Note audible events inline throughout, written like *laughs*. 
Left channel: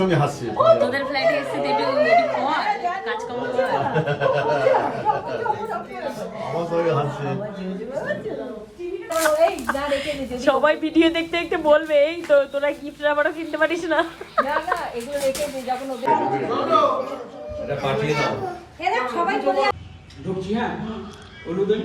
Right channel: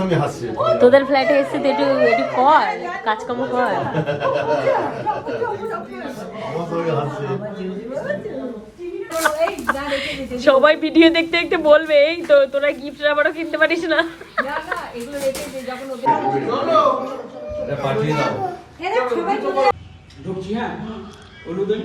সঙ্গে হাসছে। তোদের ফ্ল্যাটে এসে তো একটু একটু কর কাজকর্ম কর। আমার সঙ্গে হাসছে। সবাই ভিডিও দেখতে দেখতে বলবে এই তো তোরা গিফট আবারও কিনতে পারিস না। ঢুকছি হ্যাঁ। অনুদিন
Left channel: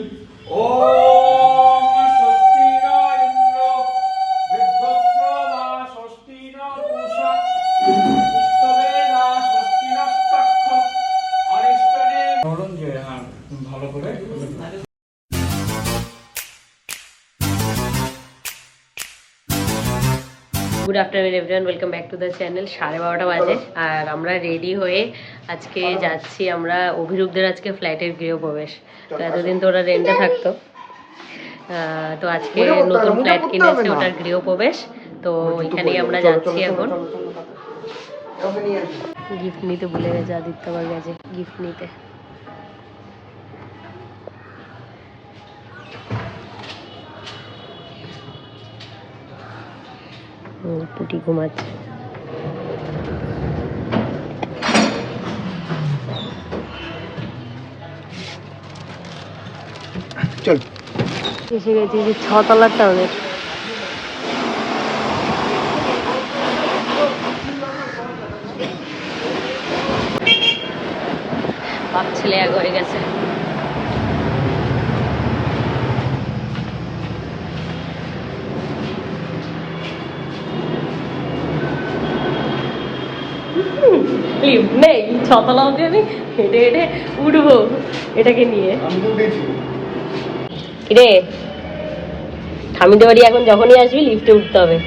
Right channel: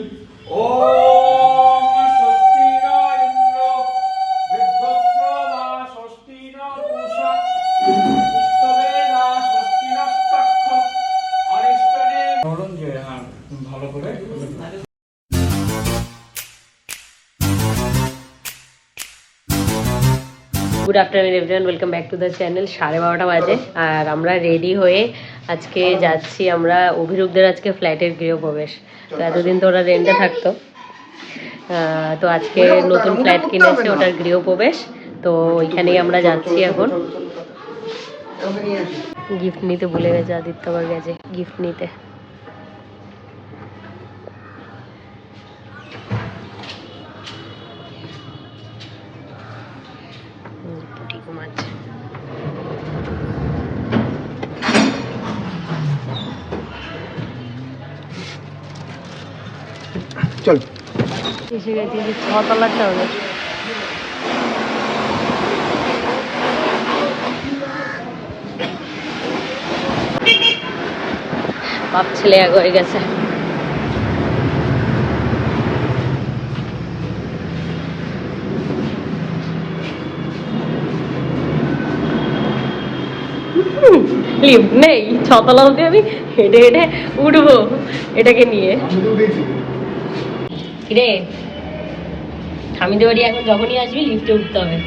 good afternoon everyone welcome back to the channel সাড়ে বারোটা বাজে। আর আমরা রেডি হয়ে আজকে যাচ্ছি আমরা অভিরূপদের আজকে ফ্ল্যাটের গৃহপ্রবেশ। তো এতদিন তো ওরা রেন্টে থাকতো। তো আজকে নতুন ফ্ল্যাট কিনেছে ওটার গৃহপ্রবেশ। তো ওইখানেই আমরা যাচ্ছি এখন। গিফট নিতে ভুলে গেছে আদিত্য আবার গেছে। গিফট নিতে। পুটি ঘুমাচ্ছে। চল। এসে গেছি যে ছতলার টাউনে বাপ ছেলে এক হয়ে গেছে। স্লিপ নেই। ছতলা অবধি আমি হেঁটে হেঁটে উঠবো এটাকে নিয়ে। রে থামিতে পারি এখন যখনই আসবি লিফটে উঠতে হবে।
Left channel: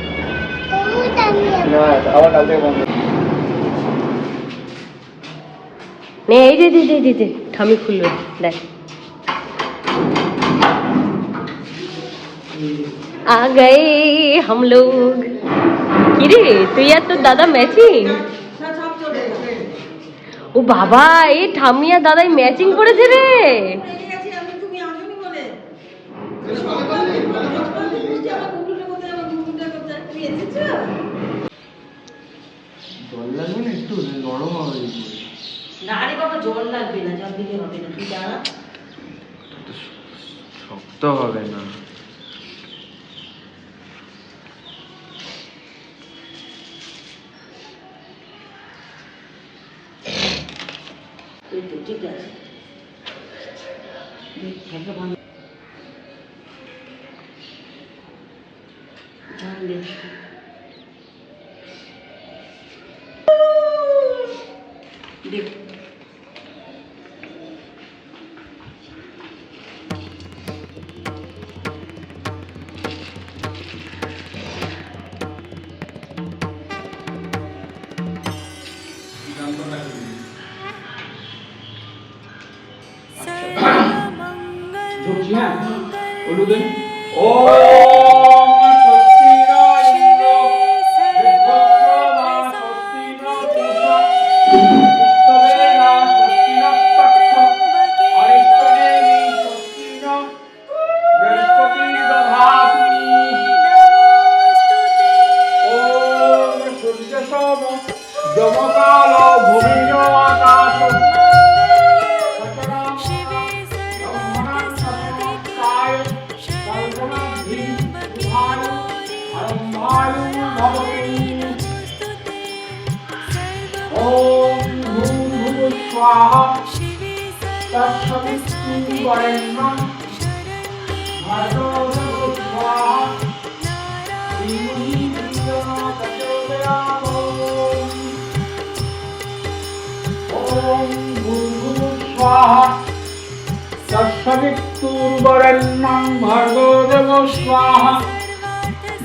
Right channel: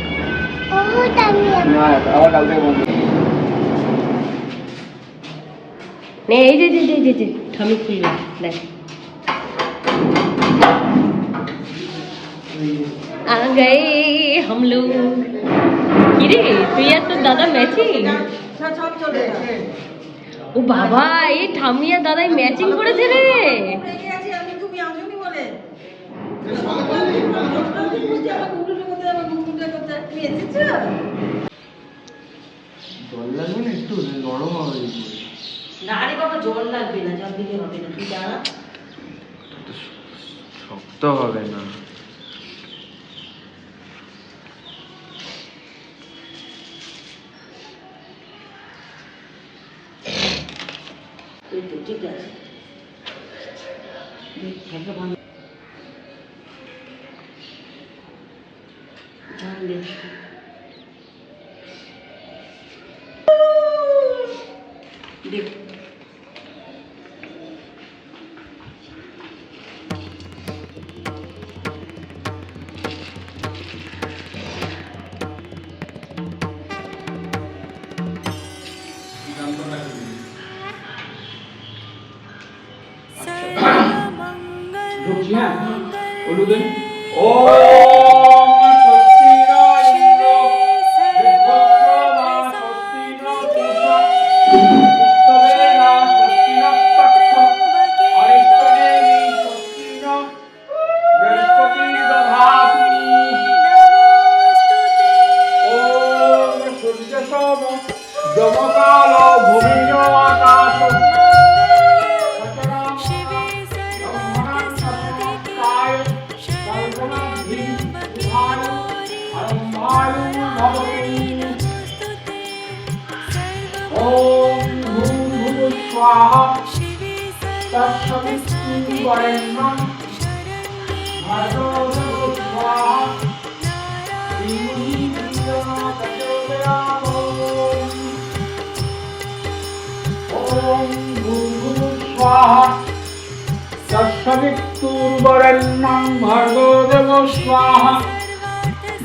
নে এই দেখ। আ কিরে তুই আর তোর দাদা ম্যাচিং ও বাবা এই আর দাদাই ম্যাচিং করেছে রে। জল লাগবে না একটু? নরম হবে না রে বাবা জল লাগবে না জল দিলে হবে না তুই জানা শক্ত হবে না। অনুদিন ওম ॐ भूर्भुवः स्वाहा तत्सवितुर्वरेण्यं भर्गो देवो स्वाहा धीमहि धियो न प्रचोदयात् ॐ भूर्भुवः स्वाहा तत्सवितुर्वरेण्यं भर्गो देवो स्वाहा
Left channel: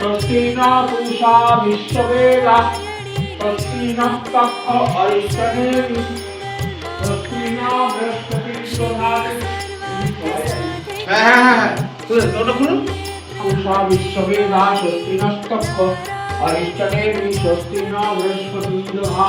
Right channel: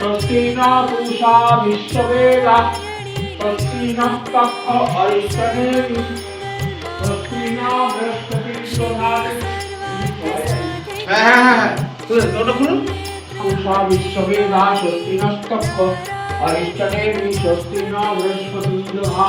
স্বস্তি না পুষা বিশ্ববেলা স্বস্তি না পক্ষ অরিষ্টমে স্বস্তি না বৃহস্পতি প্রধানে পুষা বিশ্ববেলা স্বস্তি না পক্ষ অরিষ্টমে বৃহস্পতি প্রধানে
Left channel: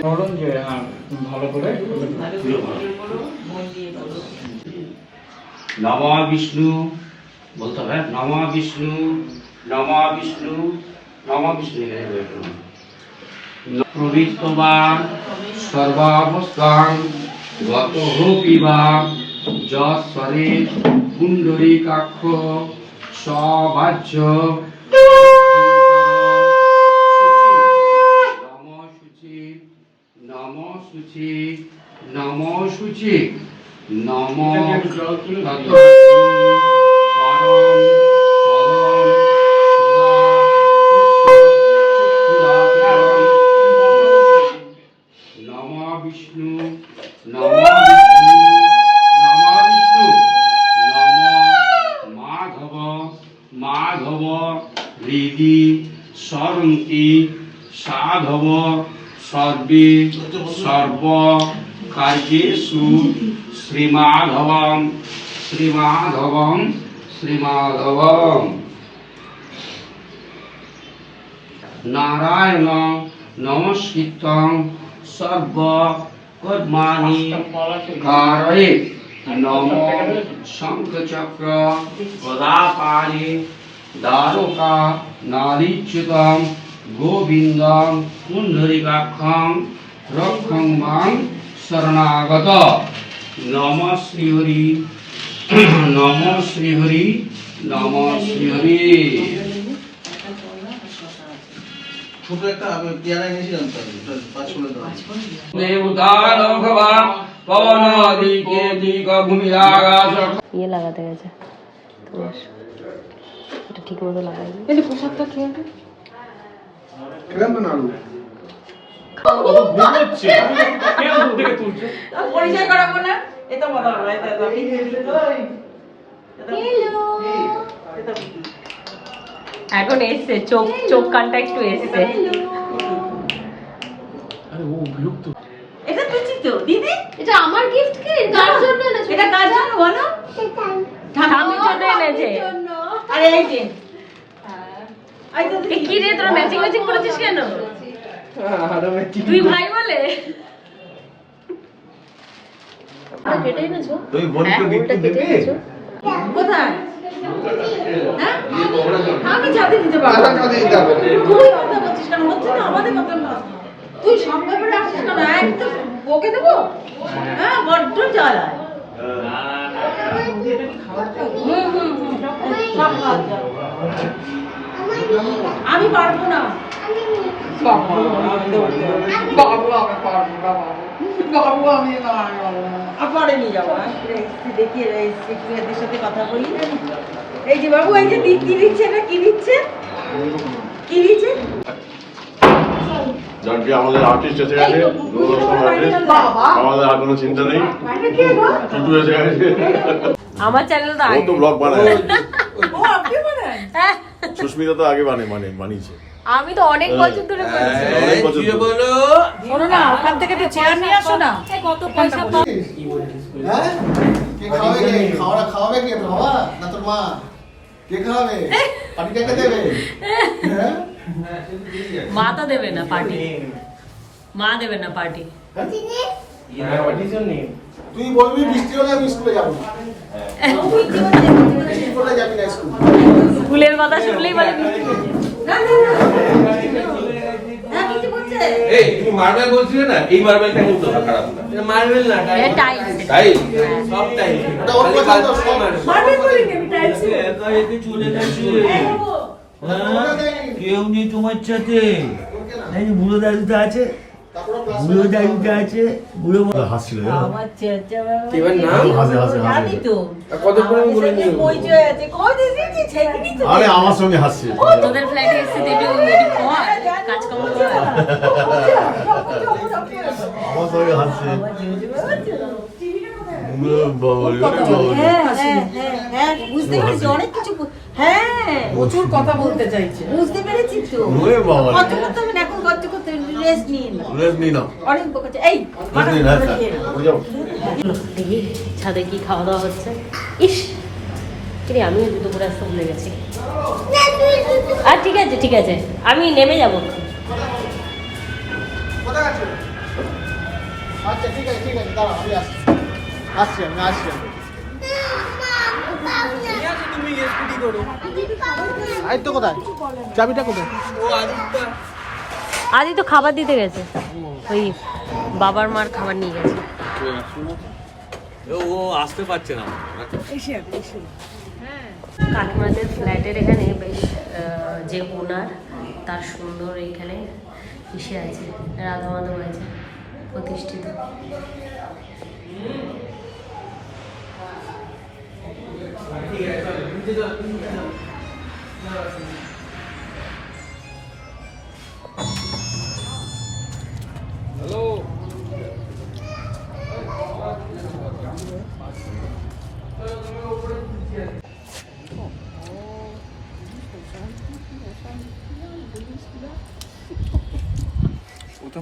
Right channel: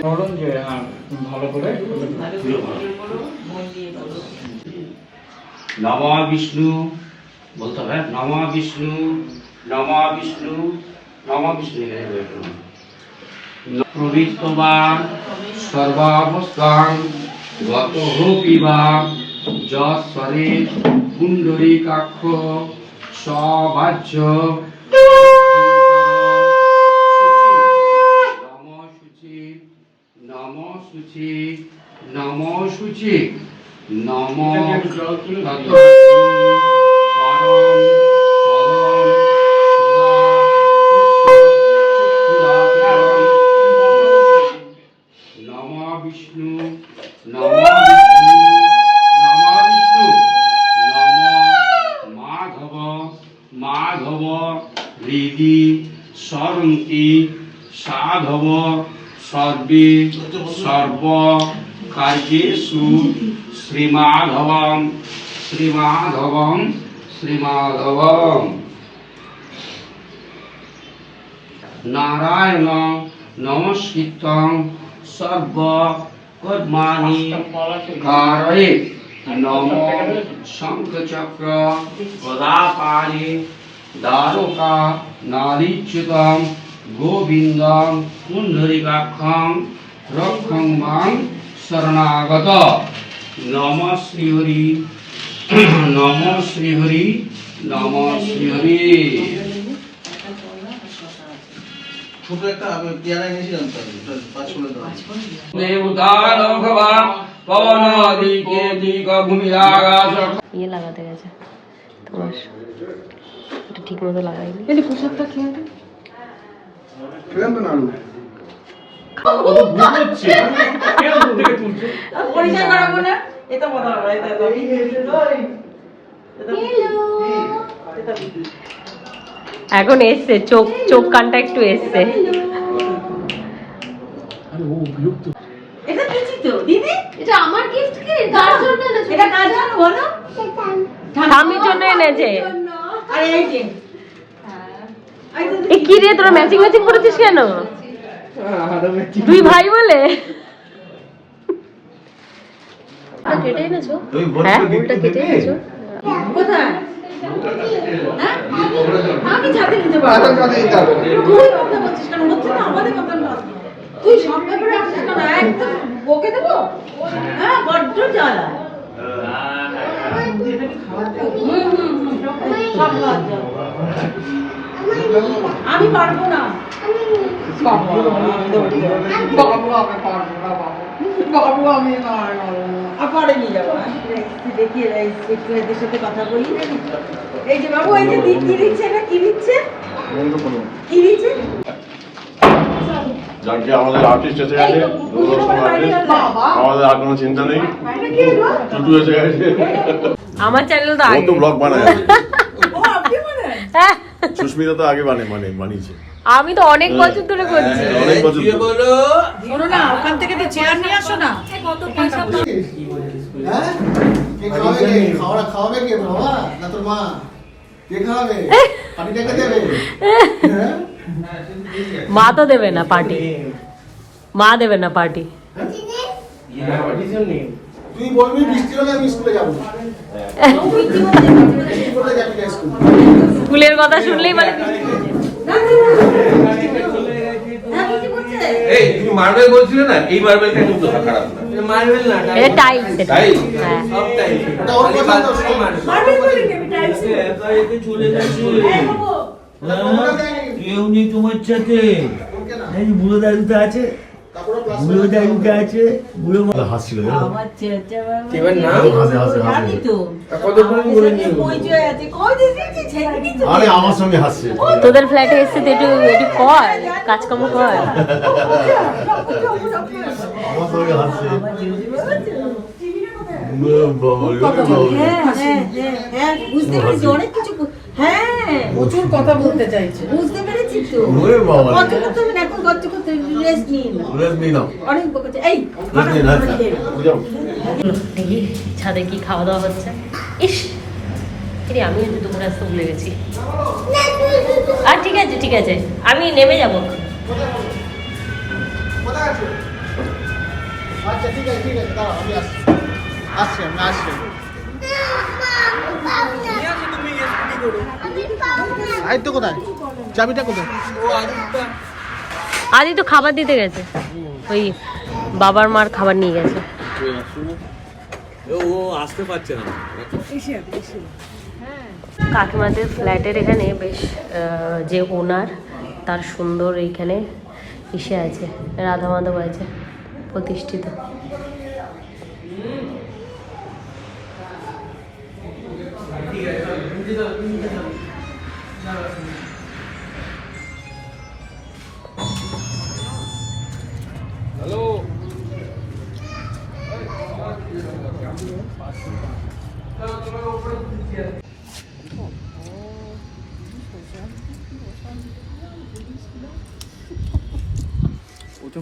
ধরুন যে হ্যাঁ ভালো করে নমা বিষ্ণু বলতে হবে নমা বিষ্ণু নমা বিষ্ণু নমা বিষ্ণু সর্বাবস্থান গত পিবা যশ্বরে পুণ্ডরীকাক্ষ সবাহ্য নম শুচি নম শুচি নম শুচি। নম নম বিষ্ণু নম বিষ্ণু নম বিষ্ণু নম মাধব মাধব হৃদি সরন্তি সাধব সর্বে সর্ব কার্যেষু শ্রীমাধবম শ্রীমাধবম শ্রীমাধবম। নারায়ণ নমস্কৃতং সর্ব কর্মাণি কারয়ে নম শঙ্খচক্র গদাপাণি দ্বারকা নারীচ্যুতম গোবিন্দম পুণ্ডরিকাক্ষং রক্ষং মাং শরণাগত। নম শ্রীহরি নম শ্রীহরি নম শ্রীহরি। ছোট একটা আমি পেয়ারা এনেছিলাম পাঁচ করে দেবতার ভগবান পবন দিকে দিক ভূমি আকাশ ইয়ে লাগাতে গেছে তোমার। এটা ঠিক মতো লাগাইনি। খেলেন তো না আলু পরিচয় করাবো না এটা বলা হবে এটা আমি এখন এসছে চোখ চোখ কানটা একটু এসছে এটা দিচ্ছি তো দিদি এটা আমার গিফট কি কার জন্য এটা কার জন্য বলো স্বামীর জন্য এনেছে আরে এই যে এ কি রে তোরা ম্যাচিং ম্যাচিং করেছিস কেন? তুই ভাই বলে? হ্যাঁ? কোথায়? হ্যাঁ? আমি যাতে দিতে পারব। তুই কথা বলছিস কেন? হচ্ছে না আমাদের কথা তুই সব ব্যাপারে আসছিস কেন? একদম বকে দেবো? হ্যাঁ বড্ড জ্বালায় হুম হুম হুম। সব খাওয়া যায়। আমি পারব না। বাবা, বাবা, বাবা, পারব, বাবা। বাবু, আমি না, না, না। আর পরে নিয়ে যাব? একটু দেখি এই একটু এদের সাথে কথা বলি। এই যে বাবু এই যে দি দিচ্ছে না কি দিচ্ছে? কি দিচ্ছে? যাকে আমাদের আর্টিস্ট এসে গেছে দুটো রকম আর্টিস্ট আমাদের আর কোনো চিন্তা নেই। টুটু এসে গেছে। আমার চ্যানেল তো আগে। ব্লগ বানায়। ও আপনি বলেন হ্যাঁ। সুস্মিতা তো আগে বানায় মানে বানিয়েছে আমি তো অনেক বছর ধরে করছি শোনো না ওখান থেকে একটু চেয়ার নিয়ে আসো না হ্যাঁ? কে খাওয়াবে খাওয়া- খাওয়াবে কে? বাবা না তোর মা? কে খাওয়াবে? দেবে? হ্যাঁ? মা তো দেবে না পার্টি মা দেবে না পার্টি তুই বলবি বৃষ্টি হলে আমি স্কুলে যাব। স্কুলের কথা শুনলেই বলে হ্যাঁ তোমার সাথে দাদুটা আছে। বুড়ো দাদুটা আছে। বুড়ো মা- হাসছিল আরে আমার সঙ্গে হাসছে। তোদের ফ্ল্যাটে এসে তো একটু একটু কর কাজকর্ম কর। আমার সঙ্গে হাসছে। ও বাবা। হ্যাঁ হ্যাঁ হ্যাঁ। বুঝতে পেরেছি অনেক কিছু হ্যাঁ। প্রচুর কথা বলতে চাইছে। বুঝতে পেরেছি তো। ওরে বাবা রে। কত করতে হবে না এখন কত করতে রেস্ট নিন রেস্ট নিয়ে নাও। অনেক বকেছে এই ছাদে কি খাওয়া দাওয়া হচ্ছে? ইস। রে আমিও দুটো করে আসতে ভুলে গেছি। আর ঠিক আছে ঠিক আছে। আমি নেমে যাব। আচ্ছা ঠিক আছে ঠিক আছে আমি আসছি। আমি আসছি। আই তো কোথায়? চাবিটা কোথায়? আদি তো খাবার দিতে গেছে। ওই বাবার মার খাবার নিয়ে গেছে। ও আসতে পারছে না। কাকিমাদের ফ্ল্যাটের এখানে বেশ যে ওনার তার সুন্দর এইখানে ইসে আছে রাধা মাধব আছে প্রতিষ্ঠিত। ওটা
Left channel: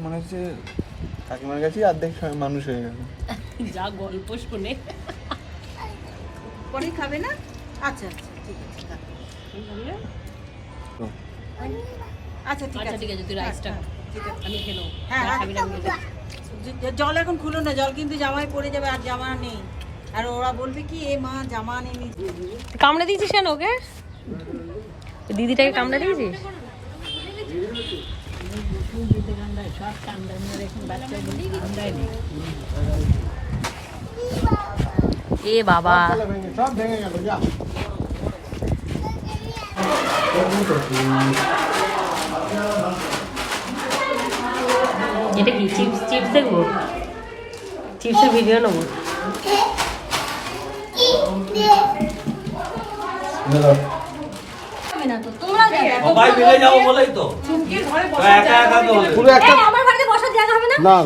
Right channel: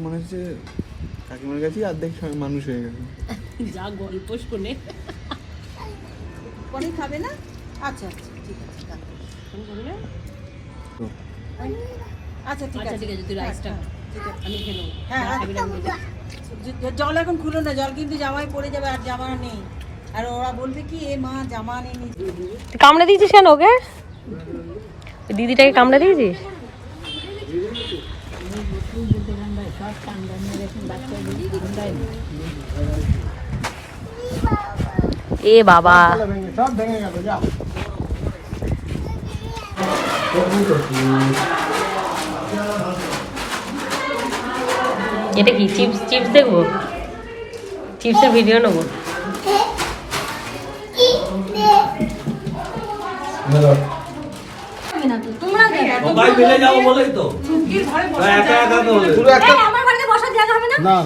মনে হচ্ছে কাকিমার কাছেই অর্ধেক মানুষ হয়ে গেছে। যা গল্প শুনে। পরে খাবে না? আচ্ছা আচ্ছা ঠিক আছে আচ্ছা ঠিক আচ্ছা আছে। ঠিক আছে তুই রাইসটা হ্যাঁ, ঠিক আছে। আমি খেলো হ্যাঁ, হ্যাঁ। জ- জল এখন খুলো না জল কিন্তু জামায় পড়ে যাবে আর জামা নেই। আর ওরা বলবে কি এ মা জামা নেই। কামড়ে দিয়েছিস কেন ওকে? দিদিটাকে কামড়ে দিয়েছিস? এ বাবা। সব ভেঙে গেল যা। এটা কি চিপস চিপস দেখব? চিপসের ভিডিও নেব? না?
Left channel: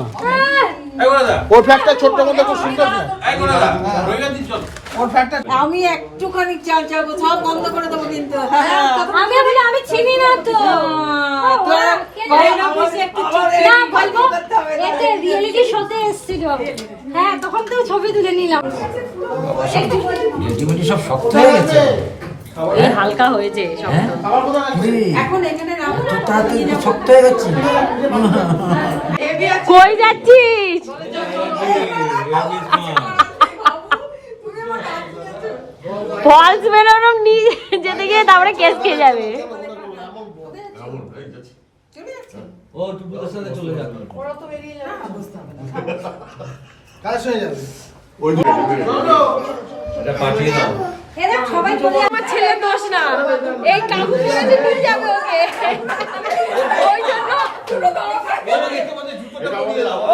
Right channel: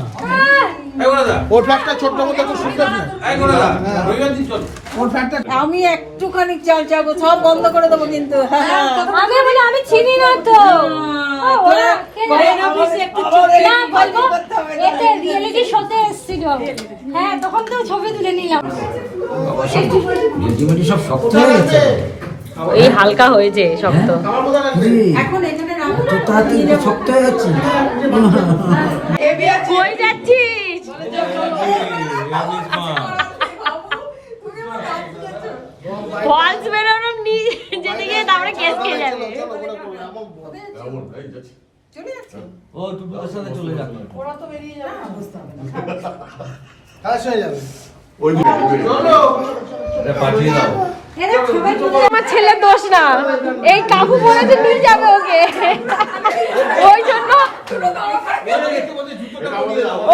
ছোট্ট মতো খুব সুন্দর। আমি একটুখানি চাল চাবো সব বন্ধ করে দেবো কিন্তু। হ্যাঁ আমি বলে আমি চিনি না তো। হ্যাঁ তখন তো ছবি তুলে নিলাম। ইউটিউবে সব শক্ত হয়ে এই হালকা হয়েছে শক্ত। শক্ত হয়ে গেছে। কই যাচ্ছিস? ফলস বেরোনো যেতে গিয়ে তারপরে কেস খেয়ে যাবে। ও সাথে চলে যাবে। কাজ হয়ে যাবে এটা পাঠিয়ে দাও। এরা সবাই চলে আমার ছেলের দোষ না। এই কাকু বলেছে নিয়ে যাবে ওকে। ওই জন্য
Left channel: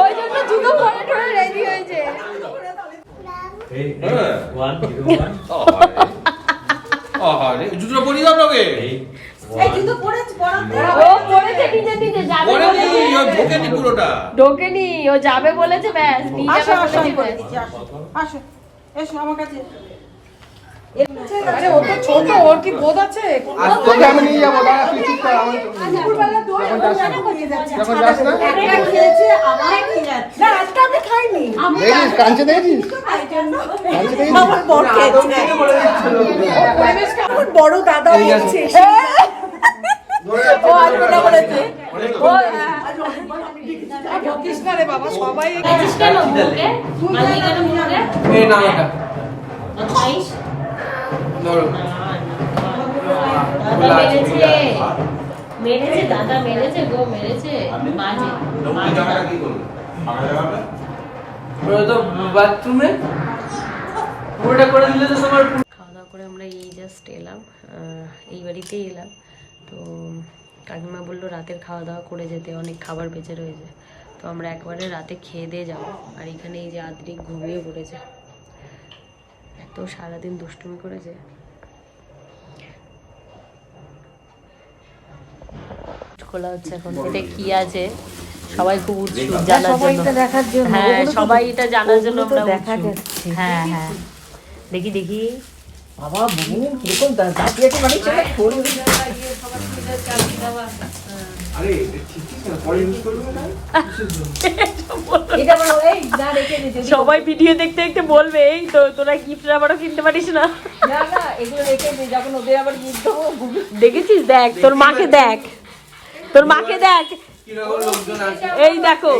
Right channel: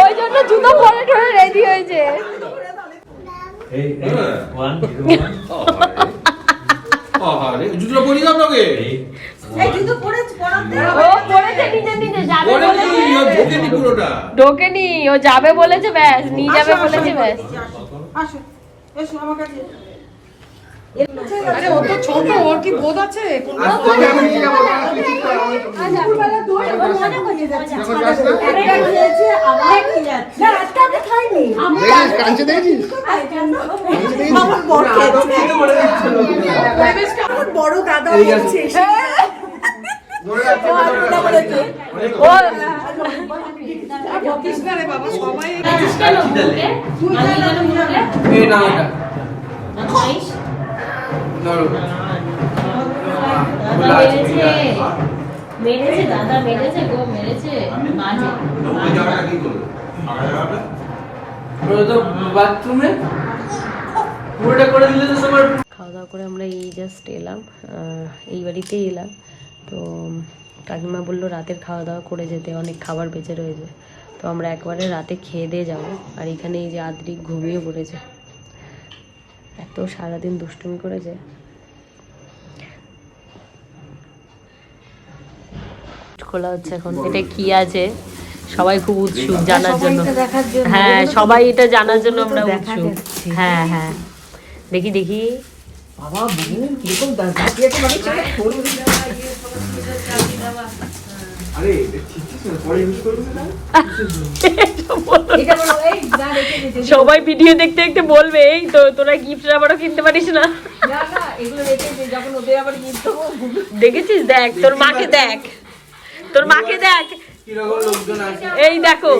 ওই জন্য জুতো পরে টরে রেডি হয়েছে। *laughs* পরিয়ে দাও ঢোকেনি ও যাবে বলেছে ব্যাস নিয়ে যাবে বলেছে ব্যাস। এসো আমার কাছে। ঠিক আছে? ও তো ছোট ওর কি বোধ আছে যাচ্ছে। একটা খেয়েছে আবার খেয়ে না আজকে আমি খাইনি। আমি দেখেছিস, কাঞ্চে দেখেছিস? তাই জন্য। আমার বড় খেয়েছে। আমার বড় দাদা হচ্ছে করে বাবা সবাই মেরেছে দাদা মেরেছে গো মেরেছে মাঝে বাথরুমে? পুরোটা করে দিলে তো তোমার খাওয়া দাওয়া করে আমরা এই জাস্ট এলাম আহ, এই বাড়িতেই এলাম। তো কাকিমা বলল রাতের খাওয়া দাওয়া করে যেতে অনেক খাবার বেঁচে রয়েছে। তো আমরা একবারে রাতে খেয়ে দিয়ে যাব। আর এখানে এই যে আদ্রি ঘুমিয়ে পড়েছে। এত সারাদিন দুষ্টুমি করেছে। খোলা হচ্ছে এখন। এটা কি আছে? সবাই খুব উৎসুক জানার জন্য। হ্যাঁ সবাই এটা জানার জন্য আমরা উৎসুক। হ্যাঁ হ্যাঁ। দেখি দেখি। মানে সবাই ভিডিও দেখতে দেখতে বলবে এই তো তোরা গিফট আবারও কিনতে পারিস না? না না এগুলো রেখে দিই যখন ওদের আবার গিফট দেবো। দেখেছিস? দেখ তোর মাকে দেখ। তোর মাকে দেখ। কীরকম লোকজন আছে এই দেখো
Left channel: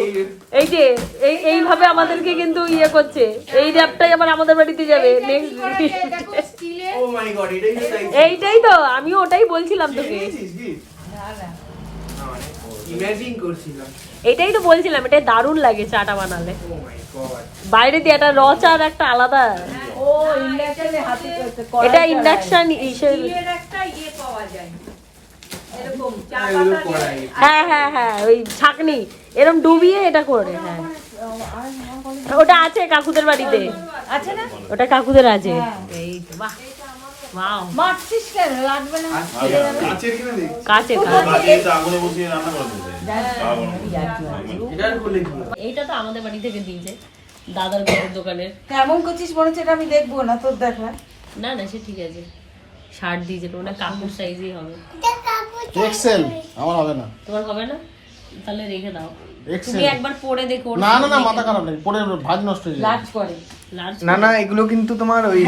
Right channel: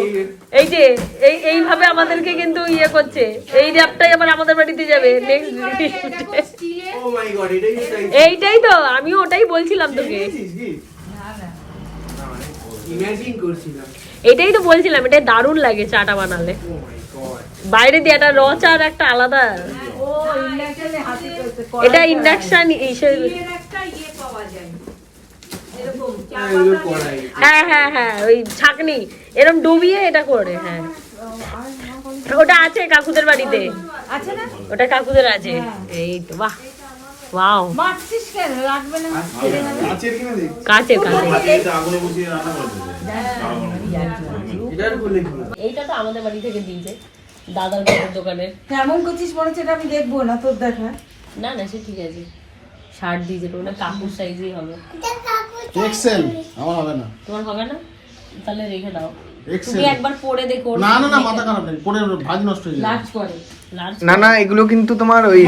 এই যে এই এইভাবে আমাদেরকে কিন্তু ইয়ে করছে। এই র্যাপটাই আবার আমাদের বাড়িতে যাবে। এইটাই তো আমিও ওটাই বলছিলাম তোকে। এটাই তো বলছিলাম এটা দারুণ লাগে চাটা বানালে। ও মাই গড বাইরে দিয়ে একটা র চার একটা আলাদা। ও ইন্ডাকশনে হাতে এটা ইন্ডাকশন হিসেবে হ্যাঁ হ্যাঁ। হ্যাঁ ওই ছাকনি এরকম ডুবিয়ে এটা করে হ্যাঁ। ওটা আছে কাকুদের বাড়িতে। আছে না? ওটা কাকুদের আছে। এই তো বাহ ওয়াও। কাচের এইটা তো আমাদের বাড়ি থেকে দিয়েছে দাদার দোকানের। এমন করছিস মনে হচ্ছে এটা আমি দেখব না তোর দেখা না না সে ঠিক আছে। শার্ট দিয়েছে তো ওটা কাকুর সাইজই হবে। এক্সেল আমার হবে না। তোমার হবে না? তাহলে রেখে দাও। তুমি একবার পরে দেখো না না না মাথা খারাপ নেই পরে ভাজ নষ্ট হয়ে যাবে। লার্জ করে না না এগুলো কিন্তু তোমার ওই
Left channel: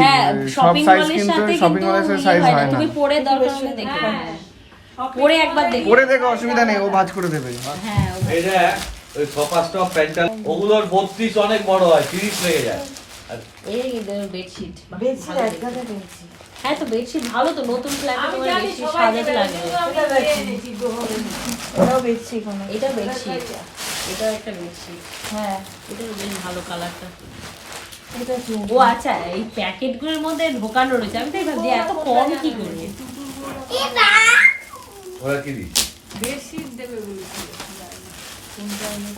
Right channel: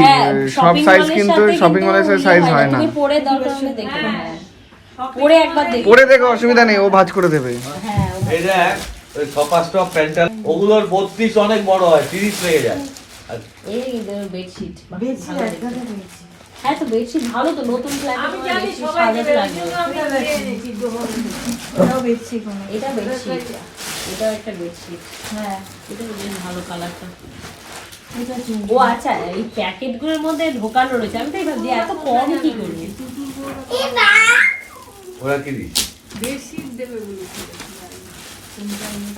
সব সাইজ কিন্তু শপিং মলের সাইজ হয় না। তুমি পরে দরকার হলে দেখো পরে একবার দেখো। পরে দেখো অসুবিধা নেই ও ভাজ করে দেবে। হ্যাঁ এটা ওই স্টপ প্যান্টাল ওগুলোর বত্রিশ অনেক বড় হয় তিরিশ হয়ে যায়। এই বেডশিট। হ্যাঁ তো বেডশিট ভালো তো নতুন ফ্ল্যাটে তোমার বেডশিট সাজাতে বেশি এটা। বেডশিট এটাও একটা বেডশিট হ্যাঁ। এটা বেশ ভালো কালারটা ও আচ্ছা এই প্যাকেটগুলোর মধ্যে ঢোকানো রয়েছে। আমি তাই ভাবছি এত কম কি করে? ওরা কি দিই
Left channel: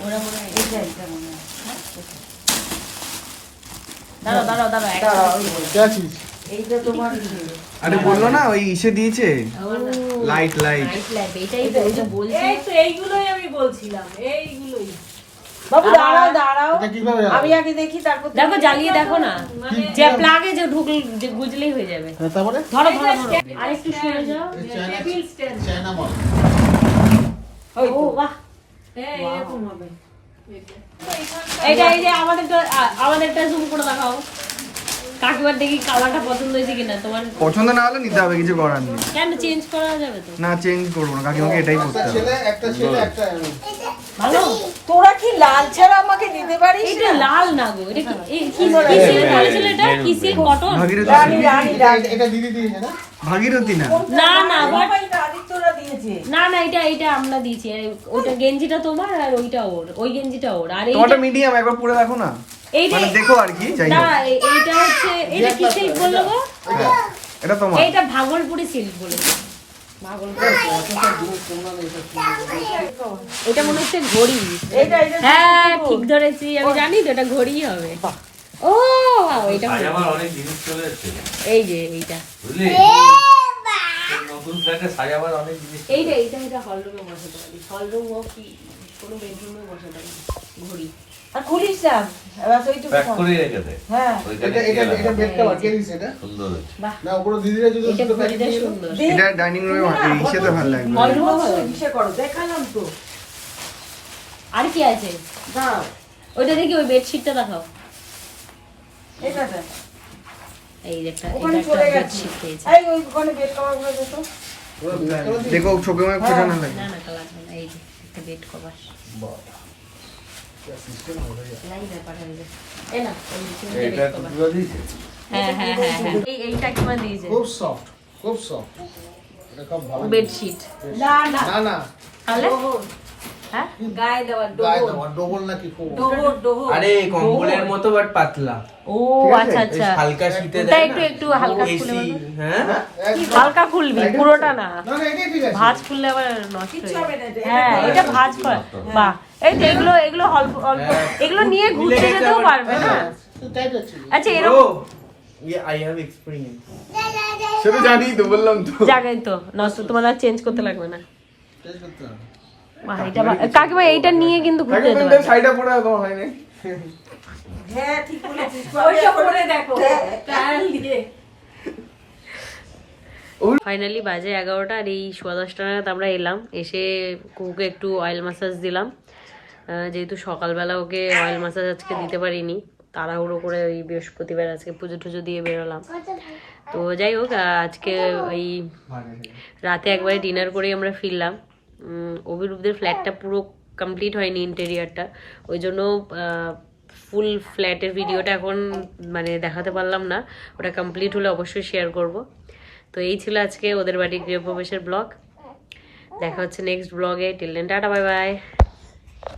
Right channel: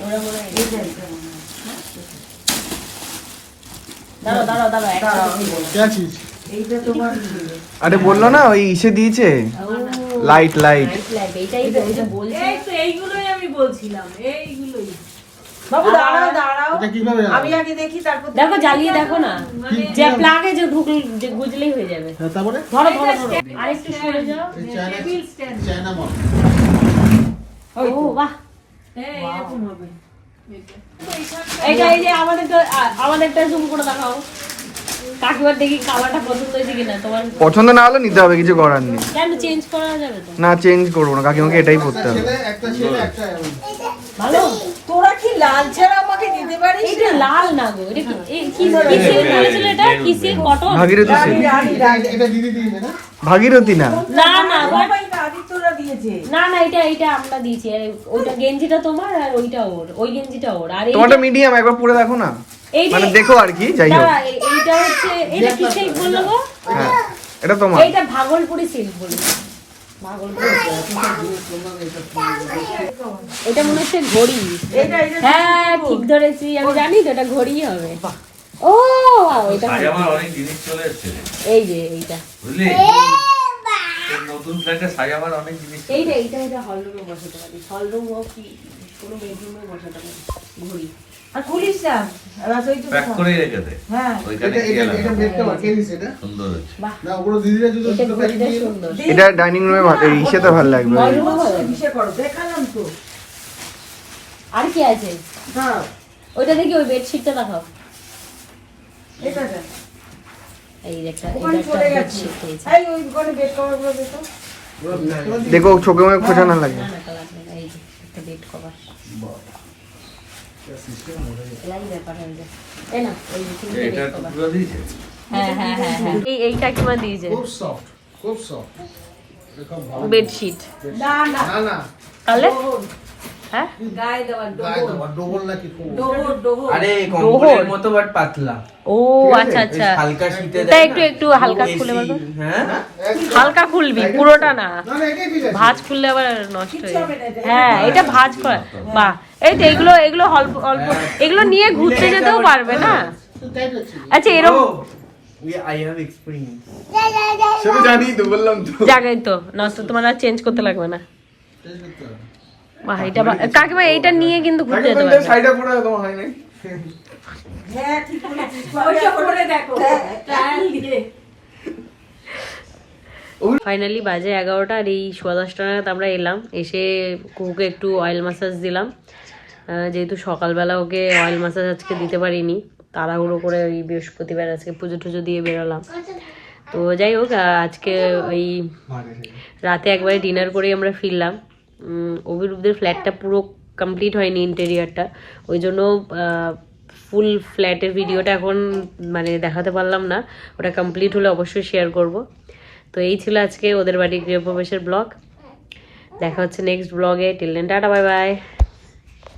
ওরা মনে হয় দাঁড়াও দাঁড়াও দাঁড়াও একটা এইটা তোমার আরে বলল না ওই ইসে দিয়েছে। লাইট লাইট এটাই তো ওই যে বলছি। এইগুলোই আমি বলছিলাম এইগুলোই। বাবু দাঁড়াও দাঁড়াও। এটা কীভাবে আমি আগে দেখি তারপর দেখো জ্বালিয়ে দেখো না। যে প্লাগে যে ঢুকলে গুজলেই হয়ে যাবে। তারপরে? ধরো ধরো ধরো। আরেকটু সরে যাও। চায়না চায়না মল। ও বাহ। এরকম হবে। এইটা এই যে আমাদেরটা আমাদেরটা জুম করে দেখাও। দেখি কালারটা পছন্দ হয়েছে কিনা তোমার পছন্দ না হলে নিতে হবে কিছু করার নেই। কেন চেঞ্জ করা যাবে তো? না চেঞ্জ করব না কাকিমাকে এটাই পড়তে হবে। একটা ছেলে একটা ভালো? তোরা কি লাল ছাড়া আমাকে দিতে পারিস এটা লাল না গো এটা কি এই কি এটা? কিসের কটন? ভাগীরথী এটা দিদি দিয়েছে না? ভাগীরথী না? না না but- বাবা এটা আদিত্যরা দিয়েছে। না না এটা এটা আমরা দিয়েছি। আর ওইটা গেঞ্জিটা তোমার আর ওইটা ওর। ওই গেঞ্জিটা ওর। আর তোমারটা মিডিয়াম একবার পরে দেখো না। মানে দেখো আর কি যাই হোক। এইটা হচ্ছে এটা কি সিল্ক বলো গো? হ্যাঁ এটা তোমার। এইটা ভাগলপুরি সিল্ক বলে। এটা মনে হচ্ছে ঘড়ি। এটা এটা হ্যাঁ ঠিক ধরেছি আমি জানি তো এটা ঘড়ি হবে। ও এটা অনেক জিনিস চলে এসছে। এই যে এইটা। নতুন ফ্ল্যাটে সাজাবার অনেক জিনিস এইটা এইটা এটা হল রুমে বসাতে পারি। হল রুম হোক কি কোনো বেডরুমে বসাতে পারি। ঘড়ি। আর খুলিস না এবার ওইটুকু প্যাক করে রেখে দে। হ্যাঁ। এটা এটা এটা বেডটা বাকিয়ে দিছে এটা? সুন্দর হয়েছে। না ওগুলো দিদিরা যদি এটা দুটো প্যাকেট এটা দিয়ে সুন্দর এটা ডাইনিং রুমে ইসেতে ভালো লাগবে। কিসে করো দেখালাম তো। আর কি আছে? দাঁড়াও। ওইটা দেখি ওই বেডশিটটা দেখাও। এটা দেখ। এই একটা এটা একটা বেডশিট পেয়েছি এই ওই ওখানে বেড কভারগুলো দেখো দেখো চোখে মুখে খোঁজা না লাগে এই যে একটা বেড কভার হয়ে দিয়েছে। হ্যাঁ হ্যাঁ এই এই কাকিমা দিয়েছে খুব সফট খুব সফট বেডশিট না না। না না। তাহলে হ্যাঁ? গায়ে দেওয়ার গায়ে ডোবর দেওয়া ডবল নাকি খুব ডোবর ডোবর আরে কম্বলের মতো বাট পাতলা। ও আচ্ছা আচ্ছা। হালকা শীতে ওটা একটু একটু হালকা খুলে বলতো হ্যাঁ? হালকা খুলবি পুরোটা না। ভাঁজ খুললে আবার নষ্ট হয়ে এটা- হ্যাঁ এটা ভাঁজ করা। বাহ। এই তো এগুলো এগুলো অল্প অল্প এগুলো নিয়ে ঘুরতে যেতেও পারবে না। আচ্ছা এরকম জানি তো বললাম তো। তো না তোমার আর চেঞ্জ করতে লাগবে না। বাহ এটা কাকিমা এইটা নিয়ে কিন্তু ঘুরতে যেতে পারবে। সাইডে পড়ে তোমার হয়নি হ্যাঁ ঠিক বলেছিস। *laughs* দেখো ফাইনালি বাজে এগারোটা আর এই সোয়া দশটা নাগাদ আমরা এলাম। এসে কুকুকে একটু অয়েল মাসাজ দিলাম। যেহেতু সকালবেলা ওকে অয়েল মাসাজ আজকে দিতে পারিনি তাড়াহুড়ো করে ওই বৃহস্পতিবার আজকে পুজো টুজো দিয়ে বেরোলাম। তো যাই হোক আজকে ওই রাতে একবারে ডিনার করেই আমরা ফিরলাম। অভিরূপদের ফ্ল্যাটটা পুরো কমপ্লিট হয়নি ইন্টেরিয়ারটা ওই জন্য ফুল ফ্ল্যাটের ভিডিওটা এখন মানে দেখাতে পারলাম না। ওটা কমপ্লিট হলে অবশ্যই শেয়ার করব। তো এই ছিল আজকে ওদের বাড়ির গৃহপ্রবেশের ব্লগ দেখা হচ্ছে নেক্সট ব্লগে till then tata bye bye